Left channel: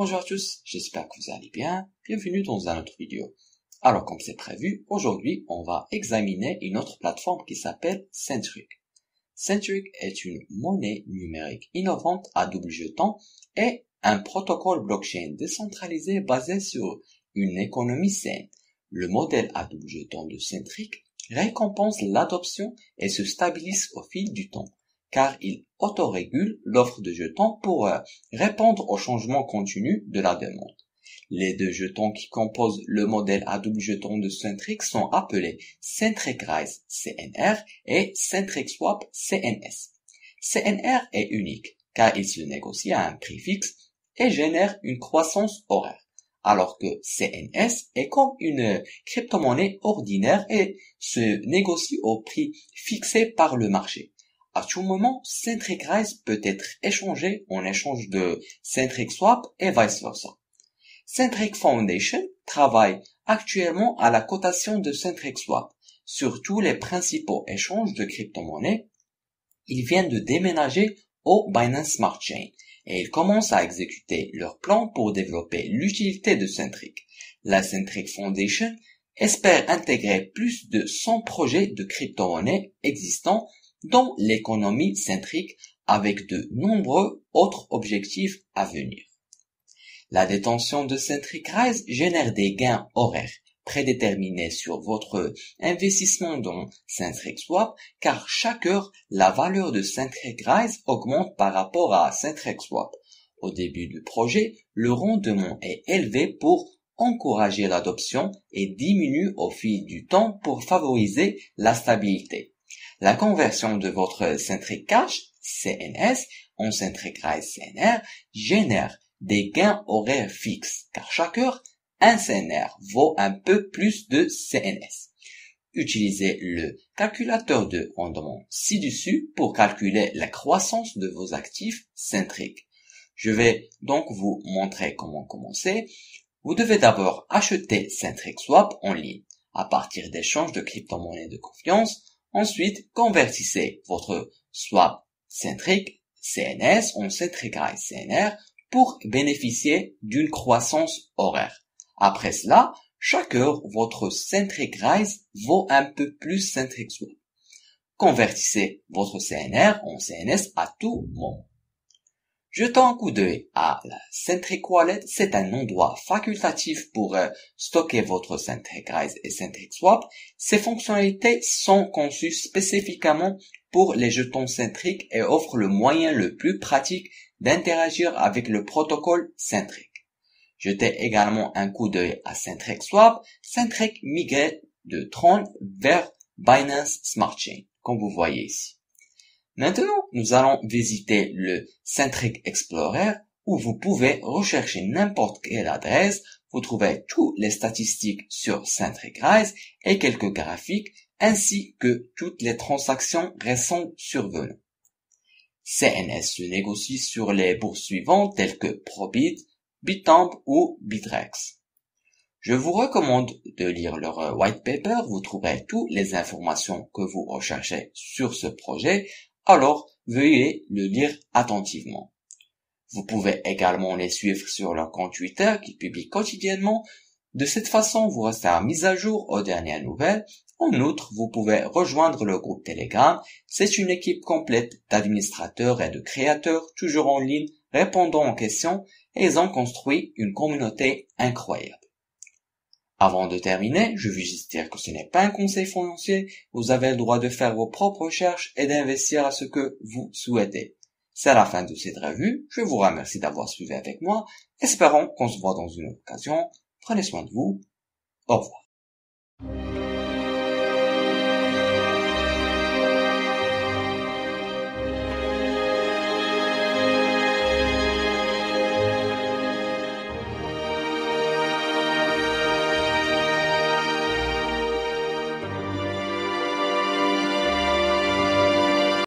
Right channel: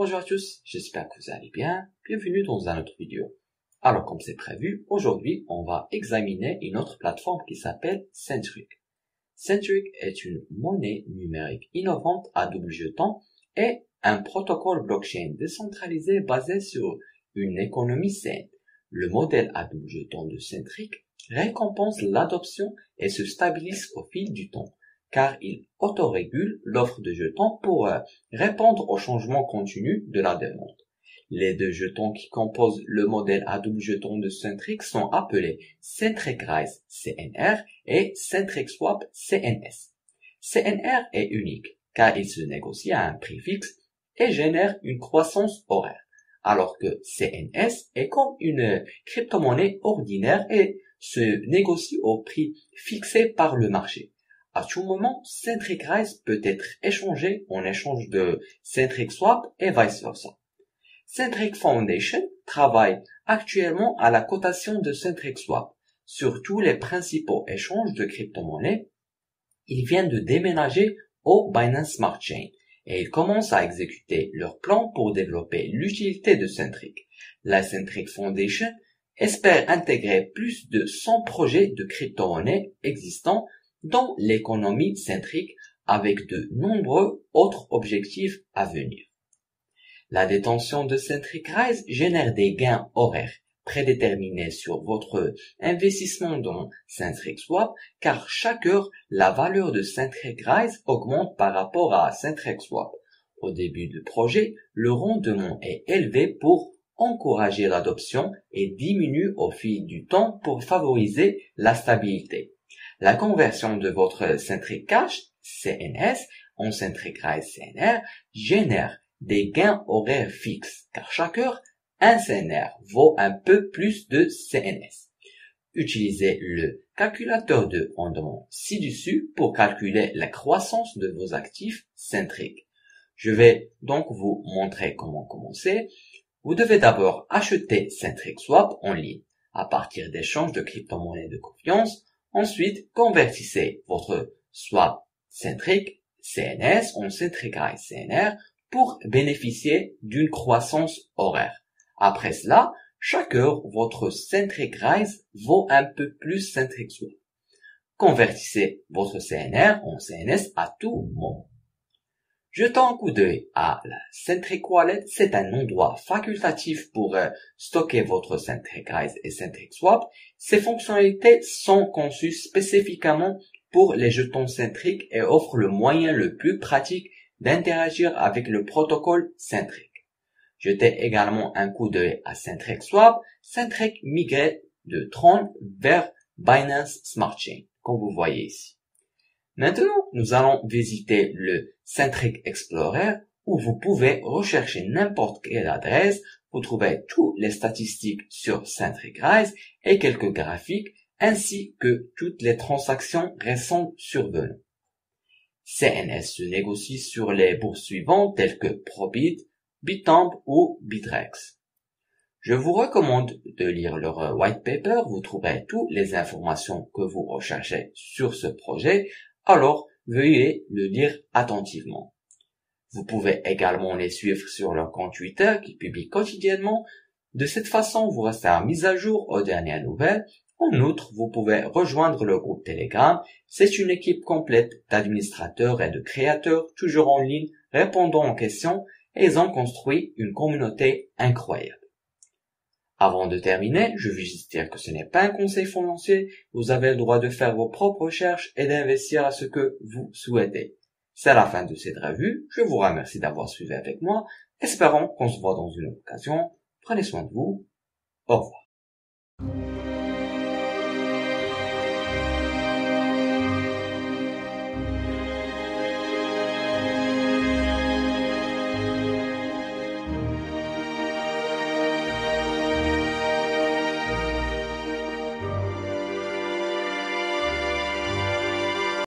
Bonjour à tous, j'espère que vous allez bien. Bienvenue dans une autre vidéo. Alors comme c'est prévu, aujourd'hui on va examiner une autre plateforme qui s'appelle Centric. Centric est une monnaie numérique innovante à double jeton et un protocole blockchain décentralisé basé sur une économie saine. Le modèle à double jeton de Centric récompense l'adoption et se stabilise au fil du temps, car il autorégule l'offre de jetons pour répondre aux changements continus de la demande. Les deux jetons qui composent le modèle à double jeton de Centric sont appelés Centric Rise CNR et Centric Swap CNS. CNR est unique, car il se négocie à un prix fixe et génère une croissance horaire, alors que CNS est comme une crypto-monnaie ordinaire et se négocie au prix fixé par le marché. À tout moment, Centric Rise peut être échangé en échange de Centric Swap et vice versa. Centric Foundation travaille actuellement à la cotation de Centric Swap sur tous les principaux échanges de crypto-monnaies. Ils viennent de déménager au Binance Smart Chain et ils commencent à exécuter leur plan pour développer l'utilité de Centric. La Centric Foundation espère intégrer plus de 100 projets de crypto-monnaies existants dans l'économie Centric avec de nombreux autres objectifs à venir. La détention de Centric Rise génère des gains horaires prédéterminés sur votre investissement dans Centric Swap, car chaque heure, la valeur de Centric Rise augmente par rapport à Centric Swap. Au début du projet, le rendement est élevé pour encourager l'adoption et diminue au fil du temps pour favoriser la stabilité. La conversion de votre Centric Cash CNS en Centric Rise CNR génère des gains horaires fixes, car chaque heure, un CNR vaut un peu plus de CNS. Utilisez le calculateur de rendement ci-dessus pour calculer la croissance de vos actifs Centric. Je vais donc vous montrer comment commencer. Vous devez d'abord acheter Centric Swap en ligne à partir d'échanges de crypto-monnaies de confiance. Ensuite, convertissez votre swap Centric CNS en Centric Rise CNR pour bénéficier d'une croissance horaire. Après cela, chaque heure, votre Centric Rise vaut un peu plus Centric Swap. Convertissez votre CNR en CNS à tout moment. Jetons un coup d'œil à la Centric Wallet. C'est un endroit facultatif pour stocker votre Centric Rise et Centric Swap. Ces fonctionnalités sont conçues spécifiquement pour les jetons Centric et offrent le moyen le plus pratique d'interagir avec le protocole Centric. Jetez également un coup d'œil à Centric Swap. Centric migrait de Tron vers Binance Smart Chain, comme vous voyez ici. Maintenant, nous allons visiter le Centric Explorer où vous pouvez rechercher n'importe quelle adresse. Vous trouvez toutes les statistiques sur Centric Rise et quelques graphiques ainsi que toutes les transactions récentes survenues. CNS se négocie sur les bourses suivantes telles que Probit, Bitamp ou Bitrex. Je vous recommande de lire leur white paper. Vous trouverez toutes les informations que vous recherchez sur ce projet. Alors, veuillez le lire attentivement. Vous pouvez également les suivre sur leur compte Twitter qui publie quotidiennement. De cette façon, vous resterez mis à jour aux dernières nouvelles. En outre, vous pouvez rejoindre le groupe Telegram. C'est une équipe complète d'administrateurs et de créateurs, toujours en ligne, répondant aux questions, et ils ont construit une communauté incroyable. Avant de terminer, je veux juste dire que ce n'est pas un conseil financier. Vous avez le droit de faire vos propres recherches et d'investir à ce que vous souhaitez. C'est la fin de cette revue. Je vous remercie d'avoir suivi avec moi. Espérons qu'on se voit dans une autre occasion. Prenez soin de vous. Au revoir.